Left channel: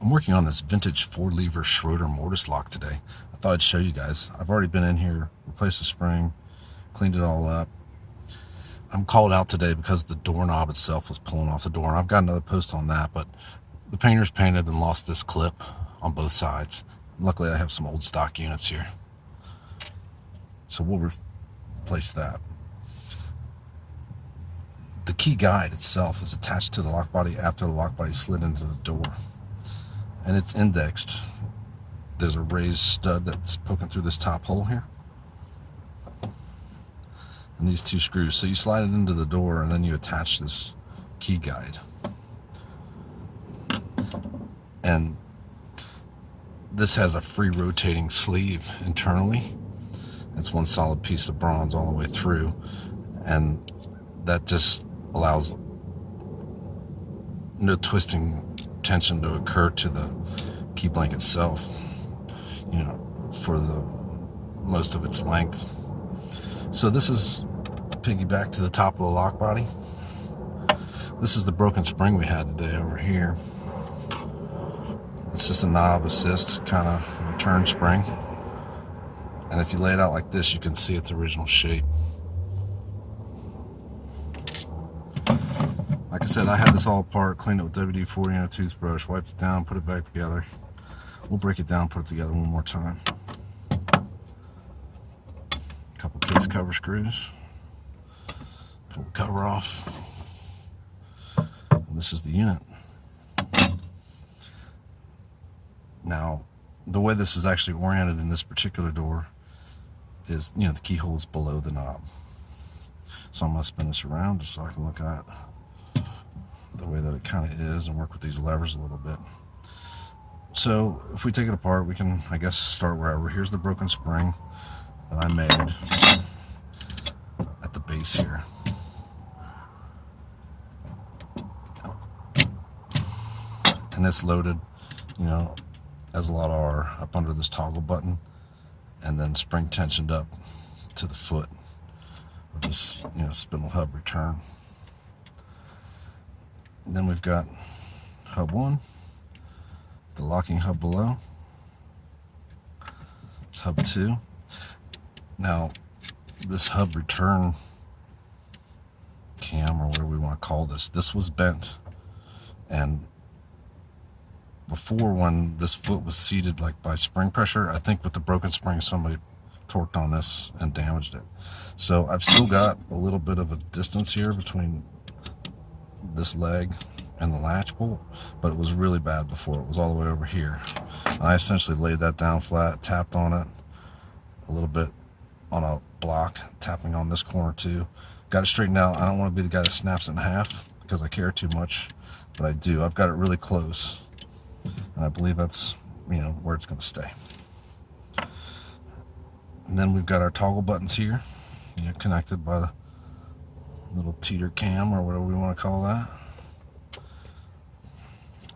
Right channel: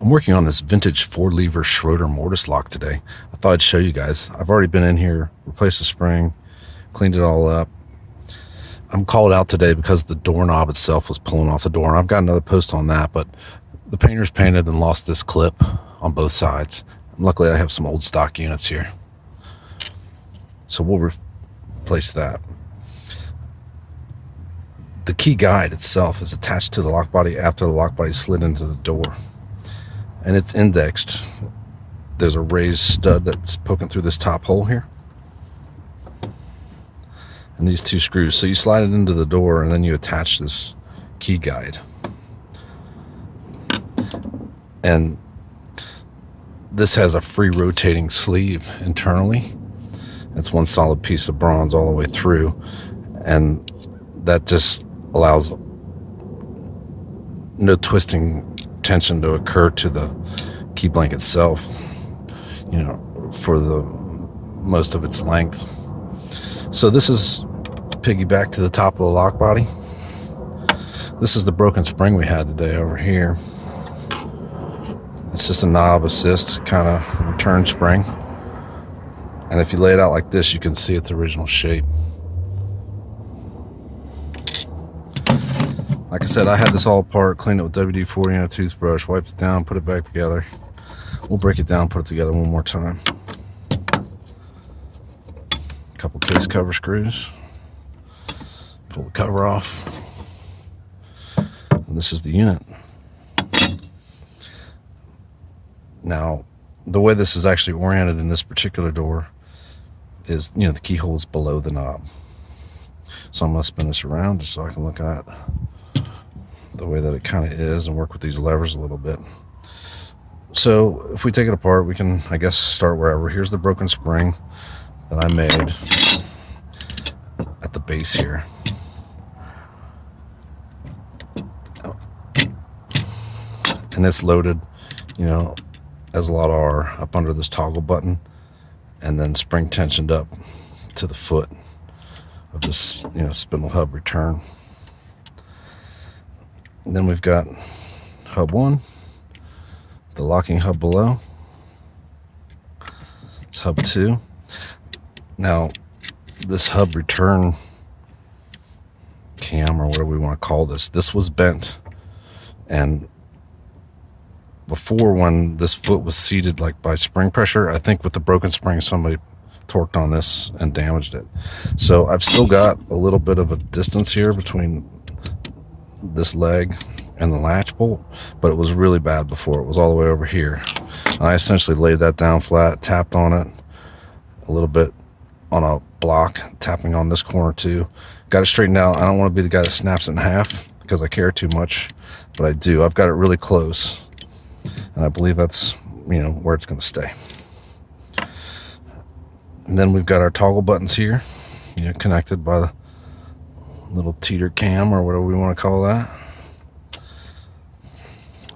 I'm working on this vintage 4-lever Schroder mortise lock today. I thought I'd show you guys. I've already been in here, replaced the spring, cleaned it all up. I'm called out today because the doorknob itself was pulling off the door. And I've got another post on that, but the painter's painted and lost this clip on both sides. Luckily, I have some old stock units here. So we'll replace that. The key guide itself is attached to the lock body after the lock body slid into the door. And it's indexed. There's a raised stud that's poking through this top hole here. And these two screws. So you slide it into the door and then you attach this key guide. And this has a free rotating sleeve internally. It's one solid piece of bronze all the way through. And that just allows no twisting tension to occur to the key blank itself, for the most of its length. So this is piggyback to the top of the lock body. This is the broken spring we had today over here. It's just a knob assist kind of return spring. And if you lay it out like this, you can see its original shape. Like I said, I had this all apart, cleaned it with WD-40 and a toothbrush, wiped it down, put it back together. We'll break it down, put it together one more time. A couple case cover screws. Pull the cover off. And this is the unit. Now, the way this is actually oriented in this particular door is, the keyhole is below the knob. So I'm going to spin this around just so I can look at the way that it kind of is and work with these levers a little bit. So if we take it apart, we can, I guess, start wherever. Here's the broken spring that I made at the base here. And it's loaded, as a lot are, up under this toggle button and then spring tensioned up to the foot of this, spindle hub return. And then we've got hub 1, the locking hub below. It's hub 2. Now, this hub return cam, or whatever we want to call this was bent. And before, when this foot was seated like by spring pressure, I think with the broken spring, somebody torqued on this and damaged it. So I've still got a little bit of a distance here between this leg and the latch bolt, but it was really bad before. It was all the way over here. And I essentially laid that down flat, tapped on it a little bit on a block, tapping on this corner too. Got it straightened out. I don't want to be the guy that snaps it in half because I care too much, but I do. I've got it really close, and I believe that's where it's going to stay. And then we've got our toggle buttons here, connected by the little teeter cam, or whatever we want to call that.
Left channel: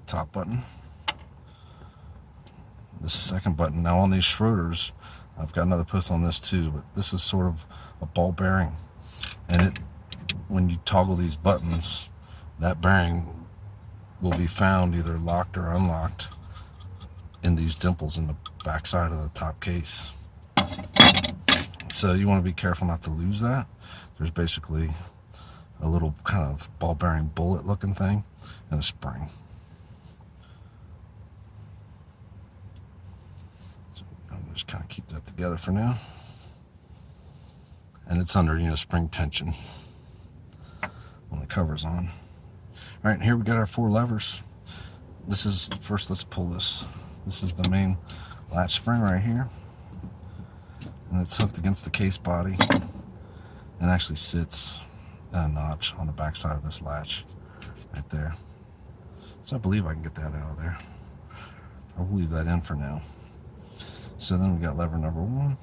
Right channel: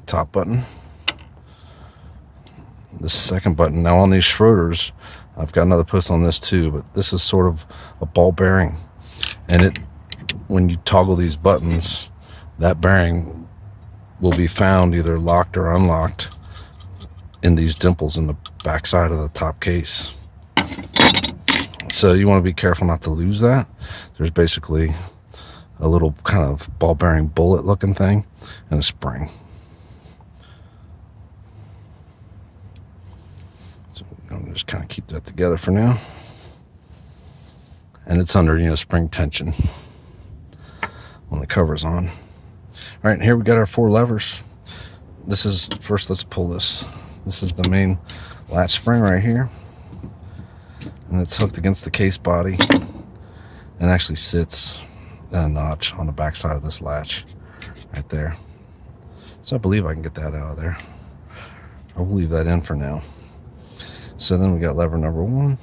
Top button. The second button. Now on these Schroders, I've got another post on this too, but this is sort of a ball bearing. And when you toggle these buttons, that bearing will be found either locked or unlocked in these dimples in the back side of the top case. So you want to be careful not to lose that. There's basically a little kind of ball bearing bullet looking thing and a spring. So I'm just kind of keep that together for now. And it's under, spring tension when the cover's on. All right, here we got our 4 levers. This is, first let's pull this. This is the main latch spring right here. And it's hooked against the case body and actually sits in a notch on the back side of this latch right there. So I believe I can get that out of there. I'll leave that in for now. So then we got lever number 1.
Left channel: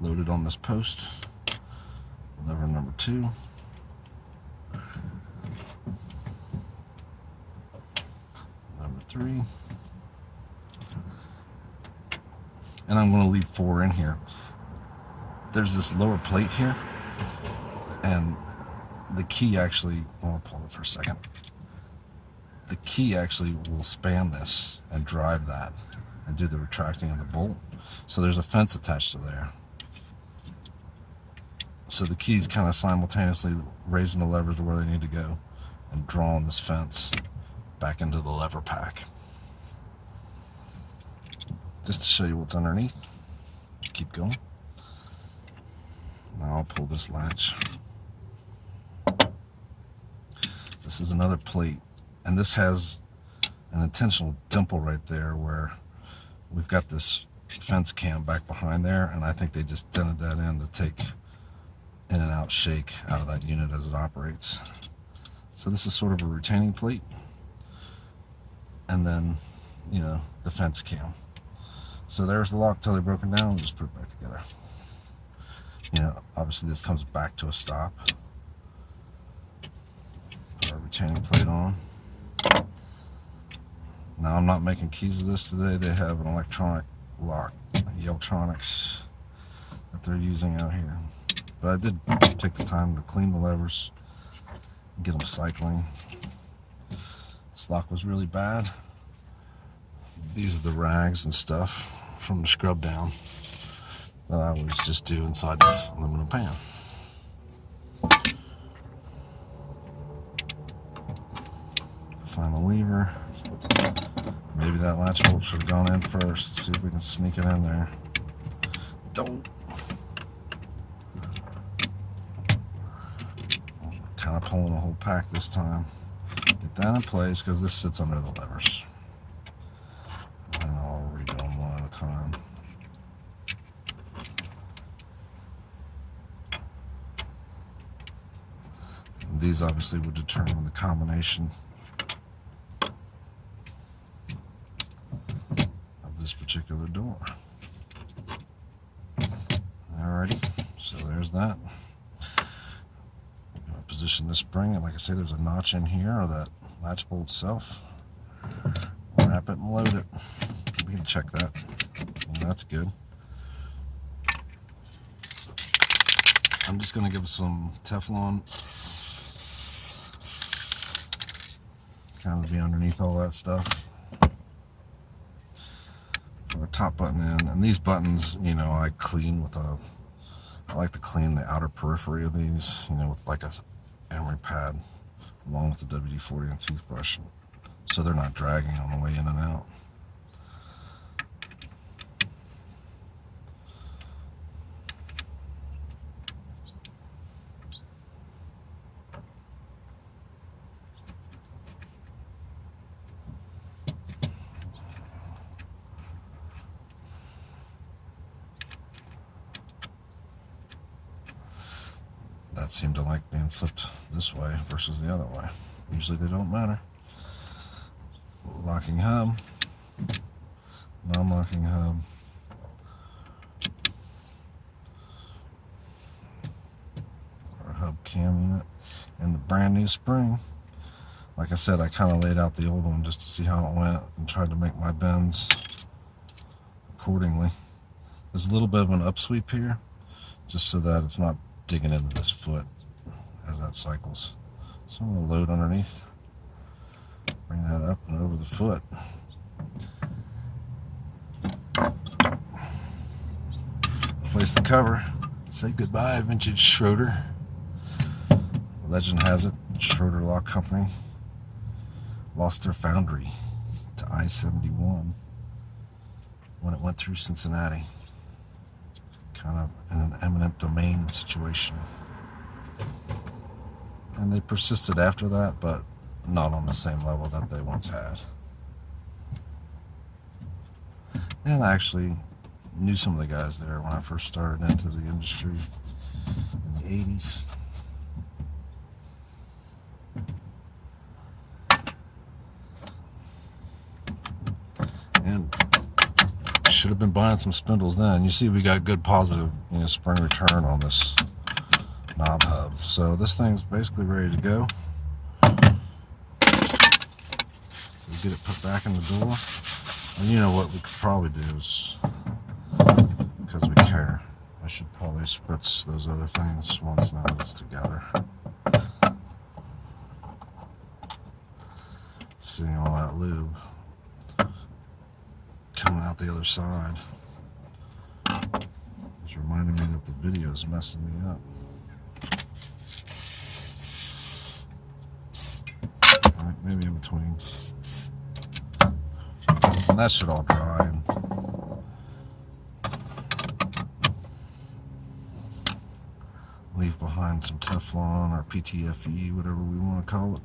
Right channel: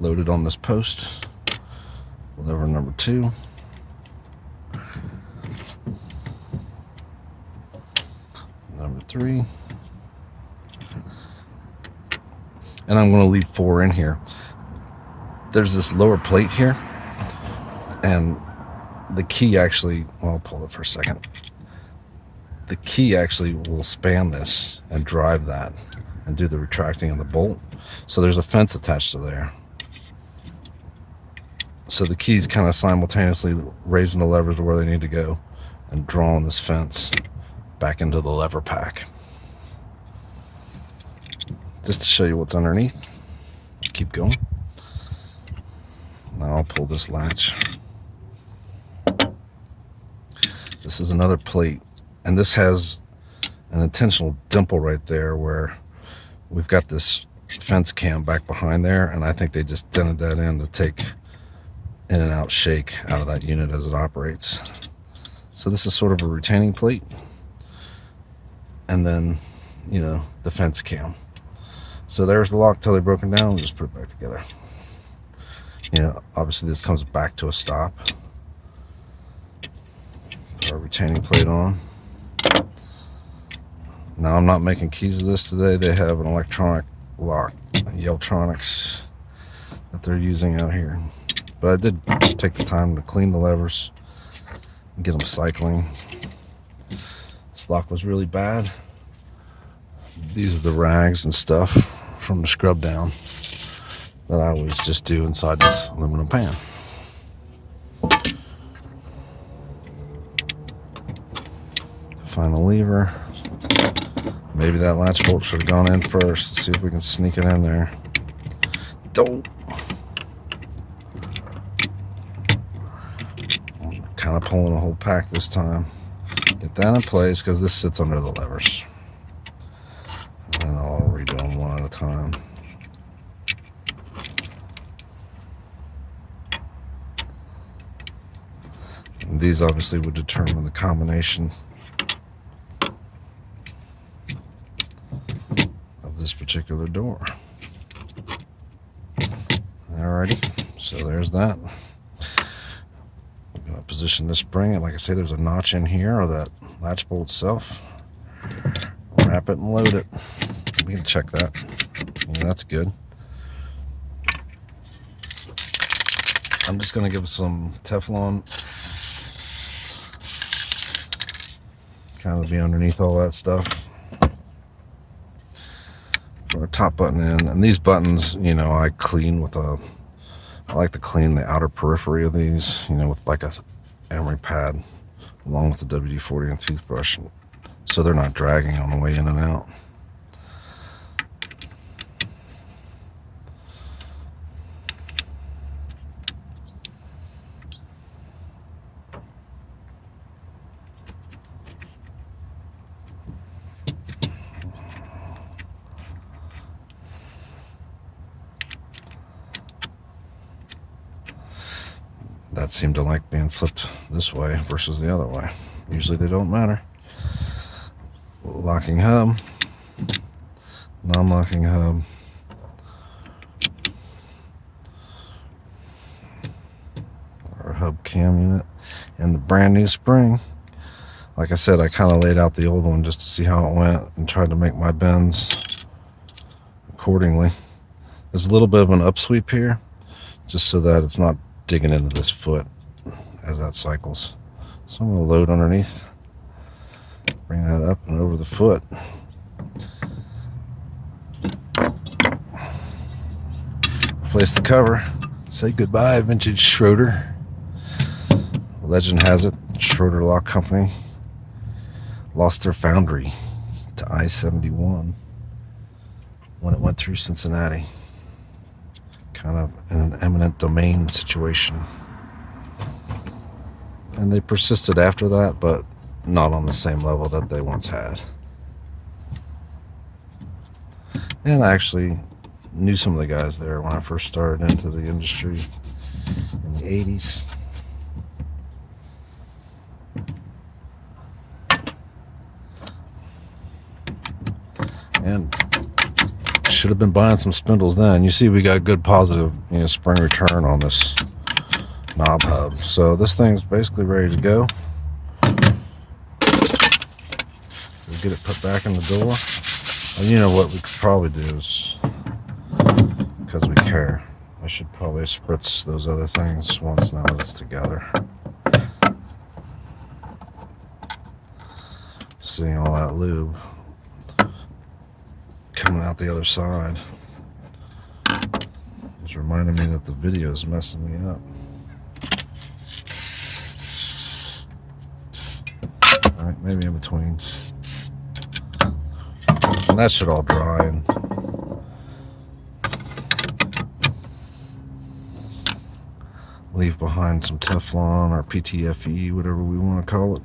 Loaded on this post. Lever number 2. Number 3. And I'm going to leave 4 in here. There's this lower plate here, and the key actually, well, I'll pull it for a second. The key actually will span this and drive that and do the retracting of the bolt. So there's a fence attached to there. So the key's kind of simultaneously raising the levers to where they need to go and drawing this fence back into the lever pack. Just to show you what's underneath. Keep going. Now I'll pull this latch. This is another plate, and this has an intentional dimple right there where we've got this fence cam back behind there, and I think they just dented that in to take in and out shake out of that unit as it operates. So this is sort of a retaining plate, and then, you know, the fence cam. So there's the lock till they're broken down. We'll just put it back together. You know, obviously this comes back to a stop. Put our retaining plate on. Now I'm not making keys of this today. They have an electronic lock, Yeltronics, that they're using out here. But I did take the time to clean the levers and get them cycling. This lock was really bad. These are the rags and stuff from the scrub down that I always just do inside this aluminum pan. Find a lever. Maybe that latch bolt should have gone in first. Let's see if we can sneak it in there. Don't. Kind of pulling a whole pack this time. Get that in place because this sits under the levers. And I'll redo them one at a time. And these obviously would determine the combination of this particular door. Alrighty, so there's that. I'm gonna position this spring, and like I say, there's a notch in here, or that latch bolt itself. Wrap it and load it. We can check that. Yeah, that's good. I'm just gonna give some Teflon, kind of be underneath all that stuff. Put our top button in, and these buttons, you know, I clean with a, I like to clean the outer periphery of these, you know, with like a emery pad, along with the WD-40 and toothbrush, so they're not dragging on the way in and out. That seemed to like being flipped this way versus the other way. Usually they don't matter. Locking hub, non-locking hub, our hub cam unit, and the brand new spring. Like I said, I kind of laid out the old one just to see how it went and tried to make my bends accordingly. There's a little bit of an upsweep here, just so that it's not digging into this foot as that cycles. So I'm going to load underneath, bring that up and over the foot. Place the cover. Say goodbye, vintage Schroder. Legend has it, Schroder Lock Company lost their foundry to I-71 when it went through Cincinnati. Kind of in an eminent domain situation. And they persisted after that, but not on the same level that they once had. And I actually knew some of the guys there when I first started into the industry in the 80s. And should have been buying some spindles then. You see we got good positive, you know, spring return on this knob hub. So this thing's basically ready to go. We'll get it put back in the door. And you know what we could probably do is, because we care, I should probably spritz those other things once now that it's together. seeing all that lube coming out the other side. It's reminding me that the video is messing me up. Alright, maybe in between. And that should all dry and leave behind some Teflon or PTFE, whatever we want to call it.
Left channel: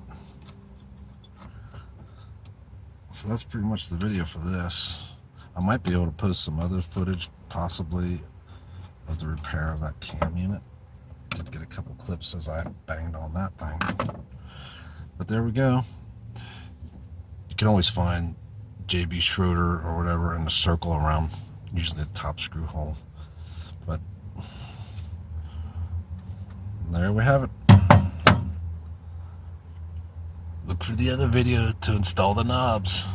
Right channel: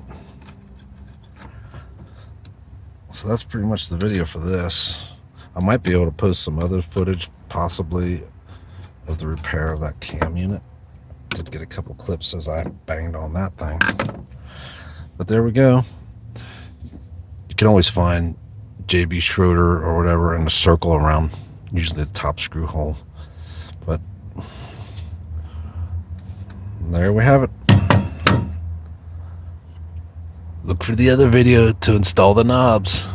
So that's pretty much the video for this. I might be able to post some other footage, possibly, of the repair of that cam unit. Did get a couple clips as I banged on that thing. But there we go. You can always find JB Schroder or whatever in a circle around, usually the top screw hole. But there we have it. Look for the other video to install the knobs.